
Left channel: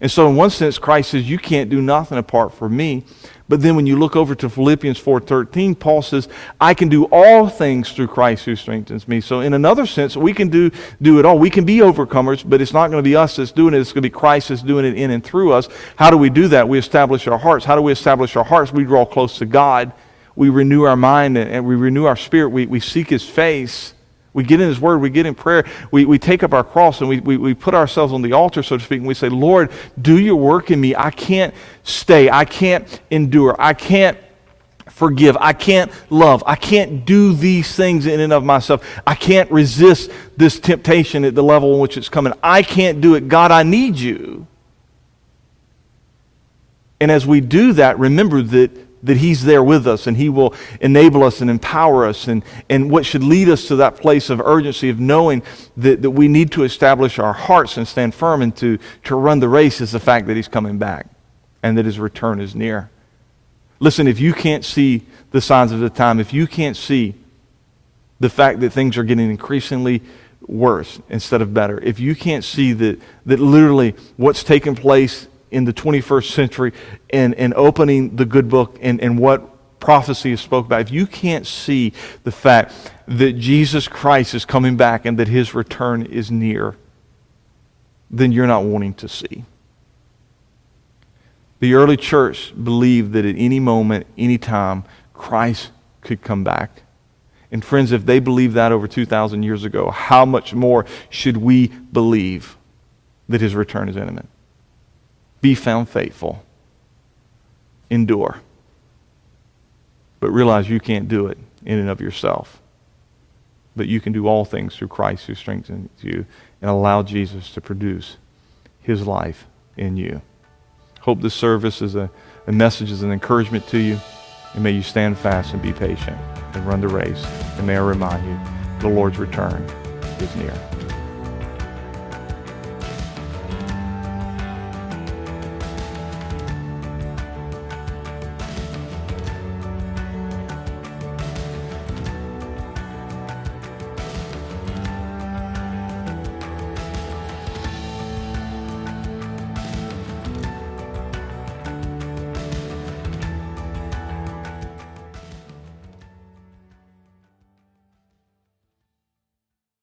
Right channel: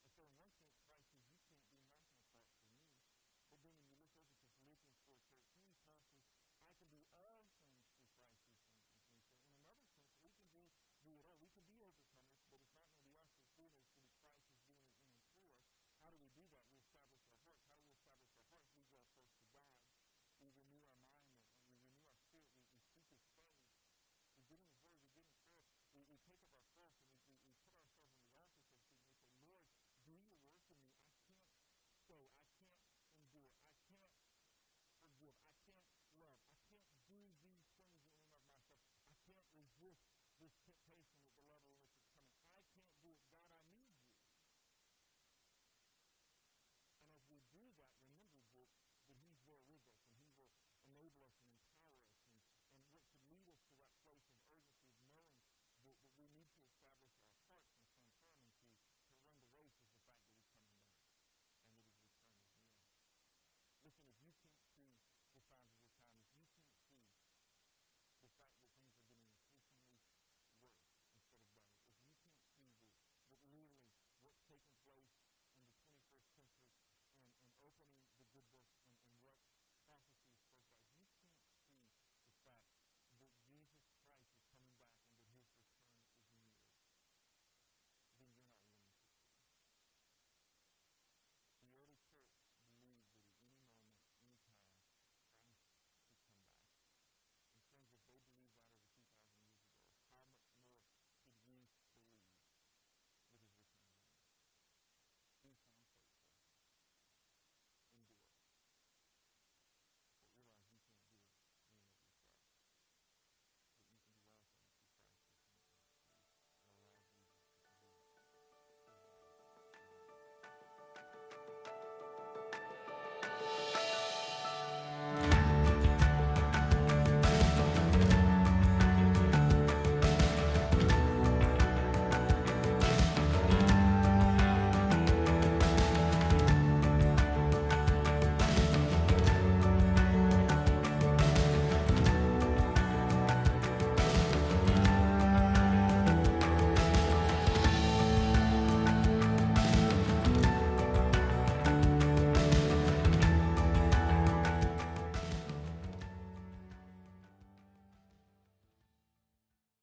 And so in one sense, Christ says, you can't do nothing apart from me. But then when you look over to Philippians 4:13, Paul says, I can do all things through Christ who strengthens me. So in another sense, we can do it all. We can be overcomers, but it's not going to be us that's doing it. It's going to be Christ that's doing it in and through us. How do we do that? We establish our hearts. How do we establish our hearts? We draw close to God. We renew our mind and we renew our spirit. We seek His face. We get in His Word, we get in prayer, we take up our cross, and we put ourselves on the altar, so to speak, and we say, Lord, do your work in me. I can't stay. I can't endure. I can't forgive. I can't love. I can't do these things in and of myself. I can't resist this temptation at the level in which it's coming. I can't do it. God, I need you. And as we do that, remember that He's there with us, and He will enable us and empower us. And what should lead us to that place of urgency of knowing that we need to establish our hearts and stand firm and to run the race is the fact that He's coming back and that His return is near. Listen, if you can't see the signs of the time, if you can't see the fact that things are getting increasingly worse instead of better, if you can't see that literally what's taking place in the 21st century and opening the good book and what prophecy is spoke about, if you can't see the fact that Jesus Christ is coming back and that His return is near, then you're not wanting to see. The early church believed that at any moment, any time, Christ could come back. And friends, if they believed that over 2,000 years ago, how much more should we believe that His return is imminent? Be found faithful. Endure. But realize you can't do it in and of yourself. But you can do all things through Christ who strengthens you, and allow Jesus to produce His life in you. Hope this service is a message, is an encouragement to you. And may you stand fast and be patient and run the race. And may I remind you, the Lord's return is near.